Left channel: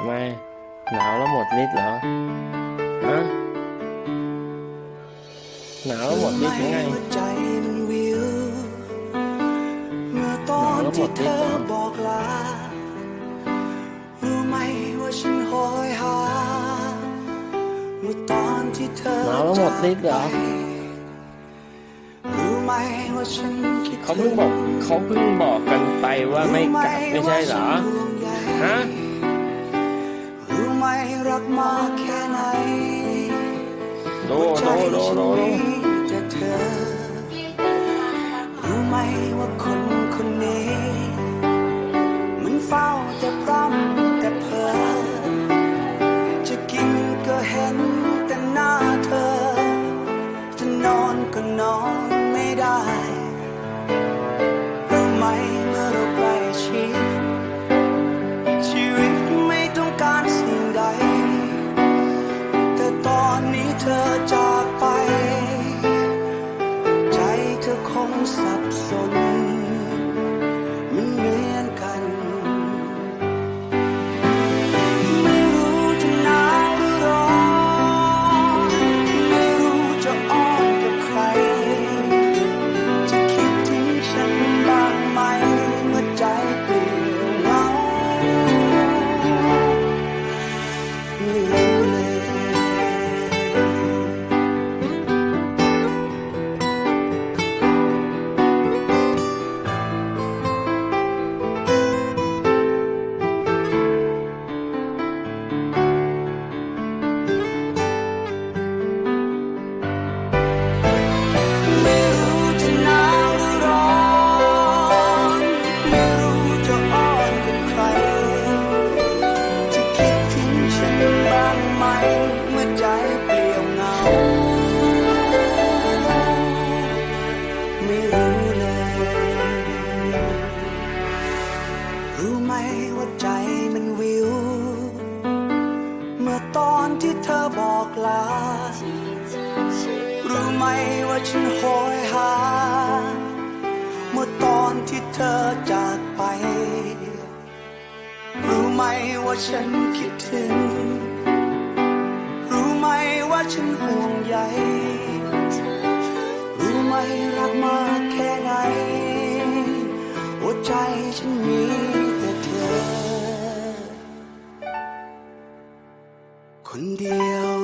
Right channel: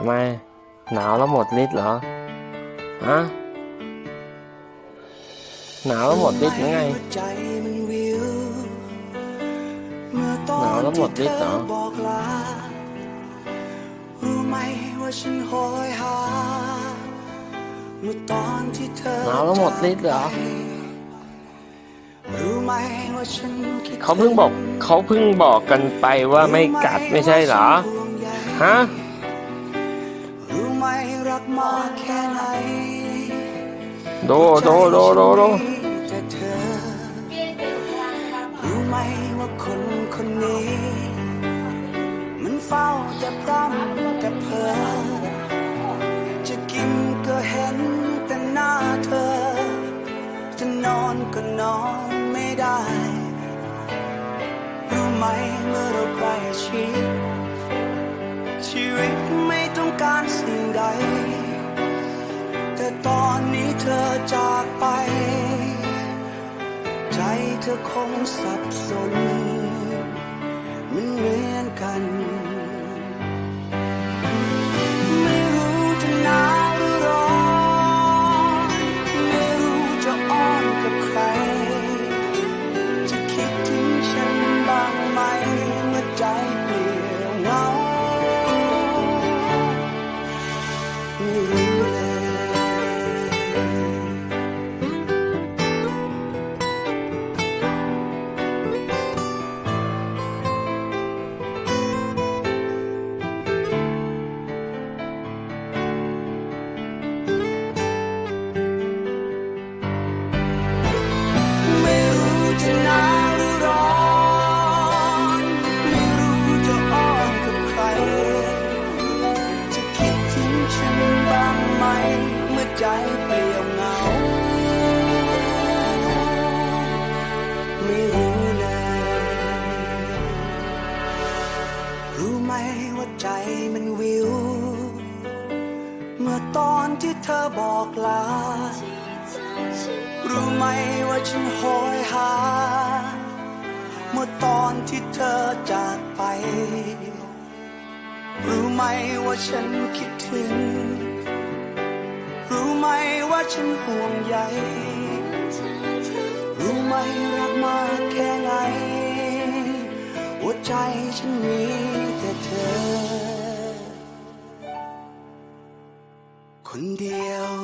ำไม หนาวแล้วหมดฤทธิ์เหรอ ฮะ หนาวแล้วหมดฤทธิ์หรือไงหัวใจมันวิวเมื่อตอหนาวนแล้วหมที่ดเธฤทธิ์อเหรอบอกลารู้ไหมว่าฉันโหยหาเมื่อตอนที่เธอหนาวแล้วหมดฤทธิ์เหรอจากไปรู้ไหมว่าฉันคิดเขาเพิ่งบอกเขาเพิ่งบอกกันไปว่าไม่กัดไม่ใช่เหรอรู้ไหมว่าฉันห่วงใยฮะรู้ ไหมรักมากแค่ไหนโดโดโดโดโดแต่เธอรู้ไหมว่าคนคนนี้ มันเฝ้าแต่พร่ำแต่เพ้อจะกินก็เห็นแต่หน้าเธอ จะนอนก็นอนไม่ได้รู้ไหมเมื่อเราใกล้ชิดชีวิตไม่ต้องการสิ่ง เธอจากไป ใจเธอคงสับสน มันเหมือนกัน ไม่รู้จะหนาวหรือร้อนไม่รู้จะอ้อนกับใคร จะคิดถึงฉันบ้างไหมเมื่อใจเปลี่ยวเหงาไม่รู้ มเมื่อใจเปลี่ยวเหงา ไม่รู้เลย รู้ไหมว่าใจมันวิว เมื่อตอนที่เธอบอกลา รู้ไหมว่าฉันโหยหา เมื่อตอนที่เธอจากไป รู้ไหมว่าฉันคิดถึง ฉันห่วงใยรู้ไหมรักมากแค่ไหนหัวใจฉันมีแต่เธอ คนเดียว